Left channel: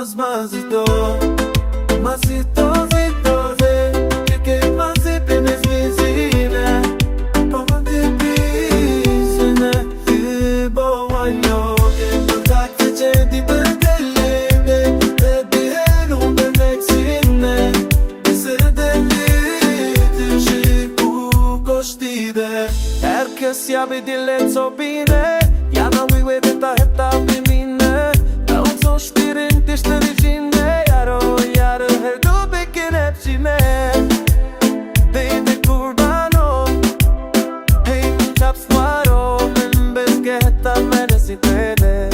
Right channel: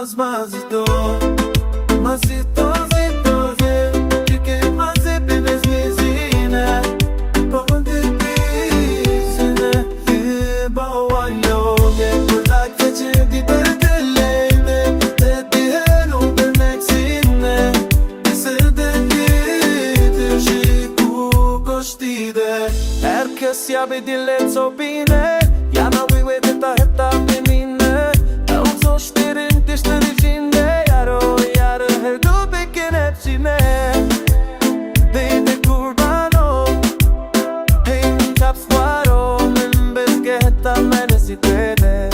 Más zito, zito, que más hepimiz bizine Pavante bizine Bawayo, yepazak geçedi bedelini Dediğin umbemek sinne Sedelidir şey bu koştide Herkes ya bir dillet sobine Yana müvedeta hep da benimle Olsoş derin dişler içinde Yaro her dubekin hepsine Deyde kurban o Hem çaps var o Men bezge hetta menesi tede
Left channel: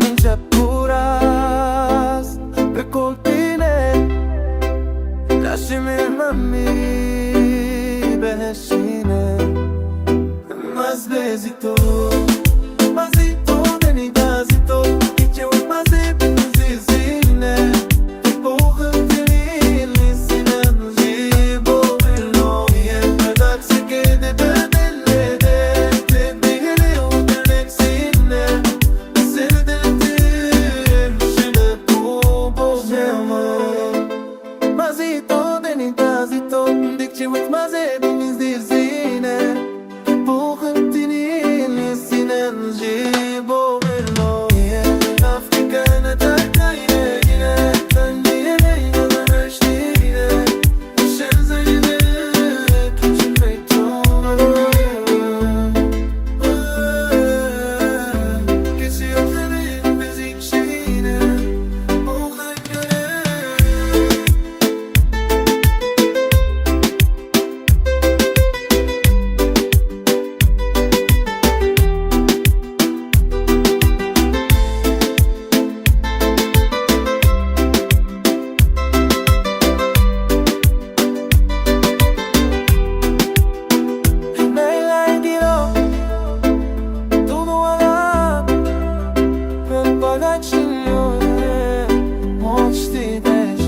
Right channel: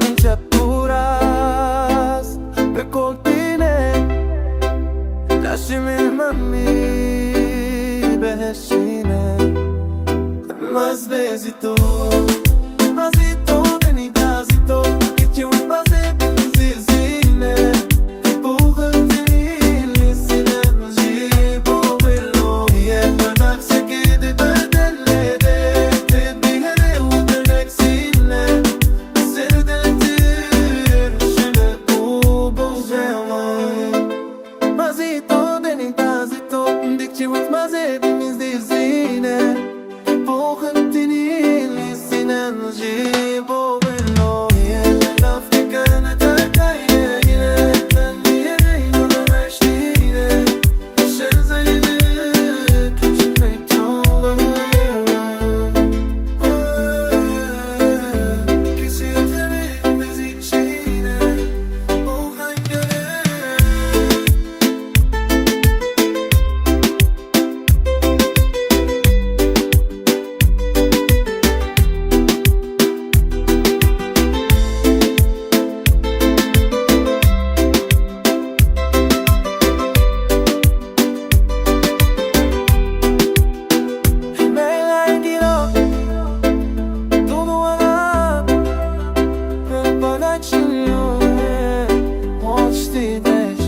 Mince puras Ve kolpine Lasciami mami behesine Más besito Masito denidazito Geçe unutmazı benzizine Buğum tenili sinem Jibo bilo Ye Bırak sekede dödellede Tedbiri udelek sine Sevdildir Şebe bu bozemam Masito denidazito Dikçe unutmazı benzizine Buğum tenili sinem Jibo bilo Ye Afrika'na takayye yine Ben yine yolun eşliğine Düşer zeyli Küçülmek çoğular Kesildiğim bizim şeyine O hayalleri Pagaccione, moçti deş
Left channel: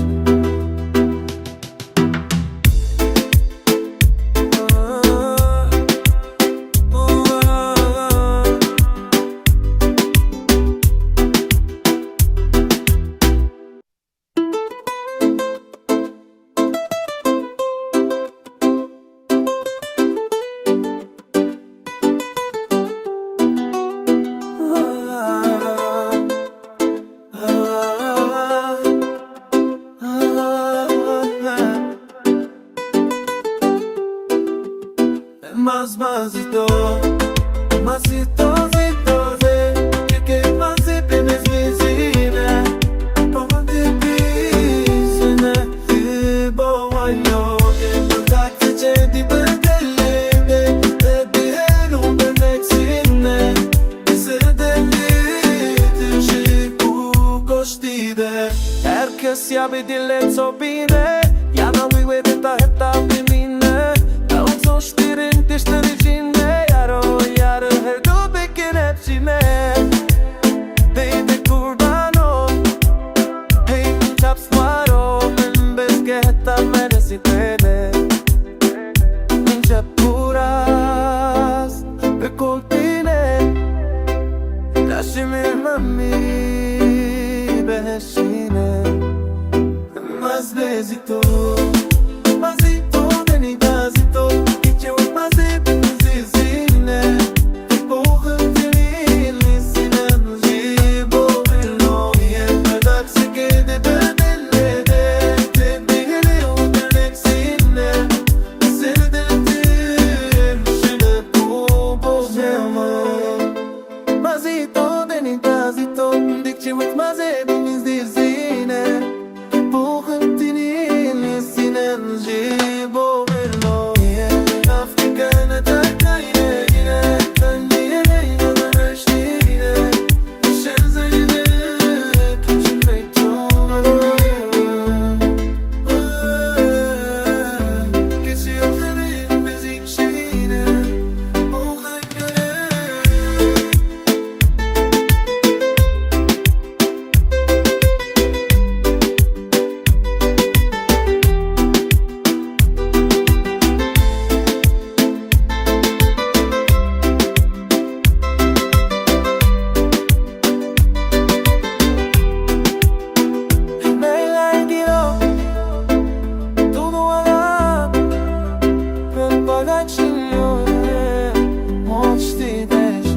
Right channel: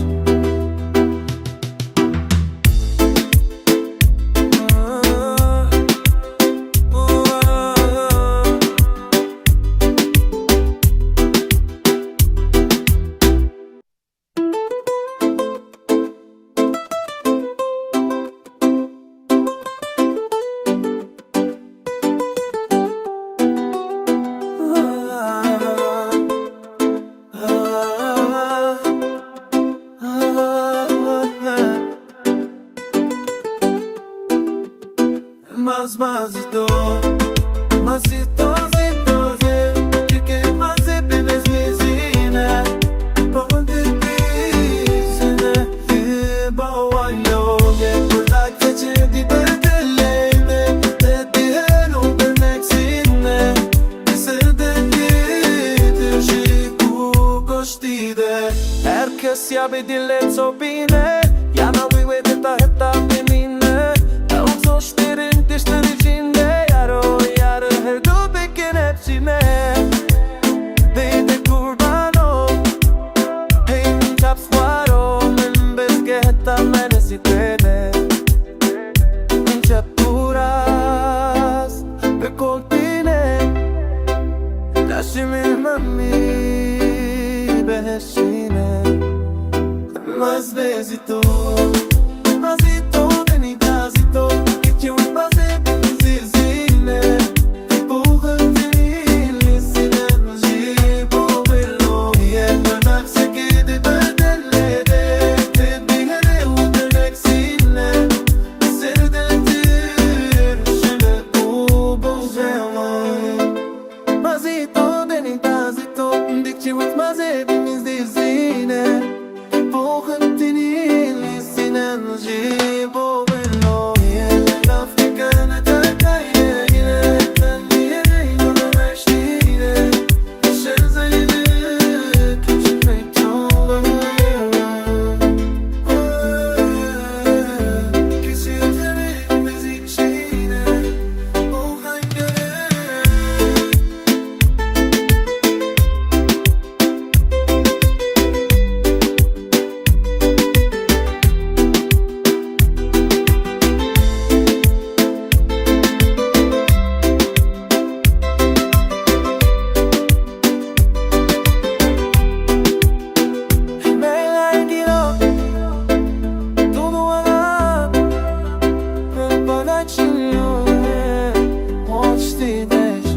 Más zito, zito, que más hepimiz bizine Pavante bizine Bawayo, yepazak geçedi bedelini Dediğin umbemek sinne Sedelidir şey bu koştide Herkes ya bir dillet sobine Yana müvedeta hep da benimle Olsoş derin dişler içinde Yaro her dubekin hepsine Deyde kurban o Hem çaps var o Men bezge hetta menesi tede Mince puras Ve kolpine Lasciami mami behesine Más besito Masito denidazito Geçe unutmazı benzizine Buğum tenili sinem Jibo bilo Ye Bırak sekede dödellede Tedbiri udelek sine Sevdildir Şebe bu bozemam Masito denidazito Dikçe unutmazı benzizine Buğum tenili sinem Jibo bilo Ye Afrika'na takayye yine Ben yine yolun eşliğine Düşer zeyli Küçülmek çoğular Kesildiğim bizim şeyine O hayalleri Ujue moć ti deš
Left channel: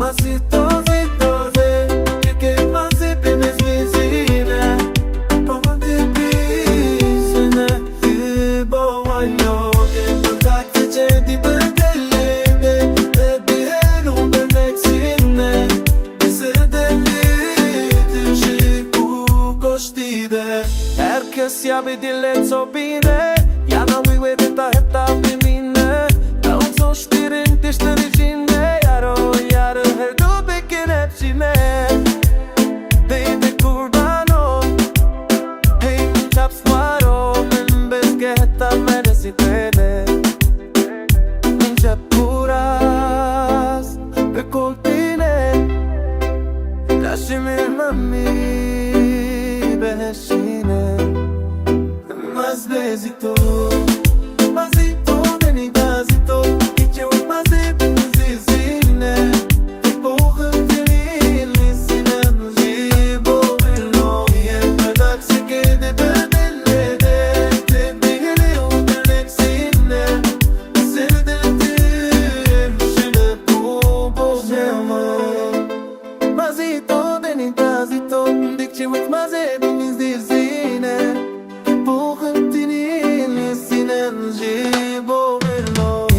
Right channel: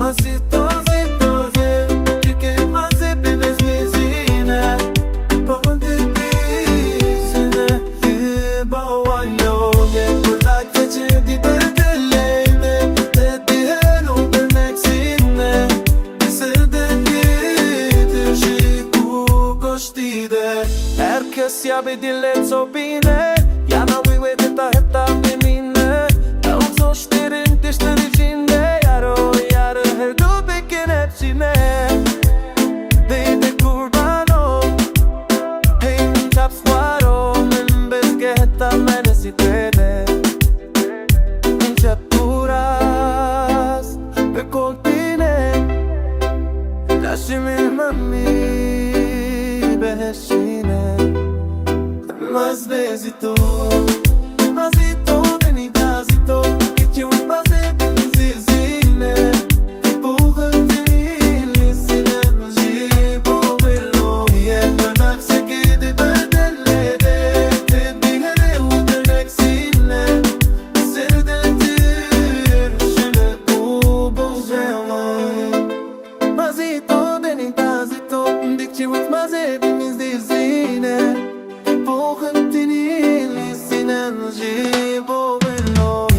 Mas ito zito Porque mas hepimiz bizine Pontifisine İbovayo Yepurda geçedi bedelini Dediğin o bebeksine Bize delidir Şiku koştide Herkes ya bir dille sobine Yana vive de ta hepta bimine Olsoş derin dişler içinde Yaro her göbekin hepsine Deyde kurban ol Hey min çapsvaro Min bezgehta menesitene Min çapuras Ve kolpine Lasciami mami Beheshine Mas nezito Mazito denitazito Geçe unutmaz hepimiz izine Porra tenile sinemci Bu billoye Bırak sekede bedellere Tedbiri udelek sine Seni dedir Şöyle bu bozemam Mazito denitazito Dikçe unutmaz hepimiz izine Porra tenile sinemci Bu billoye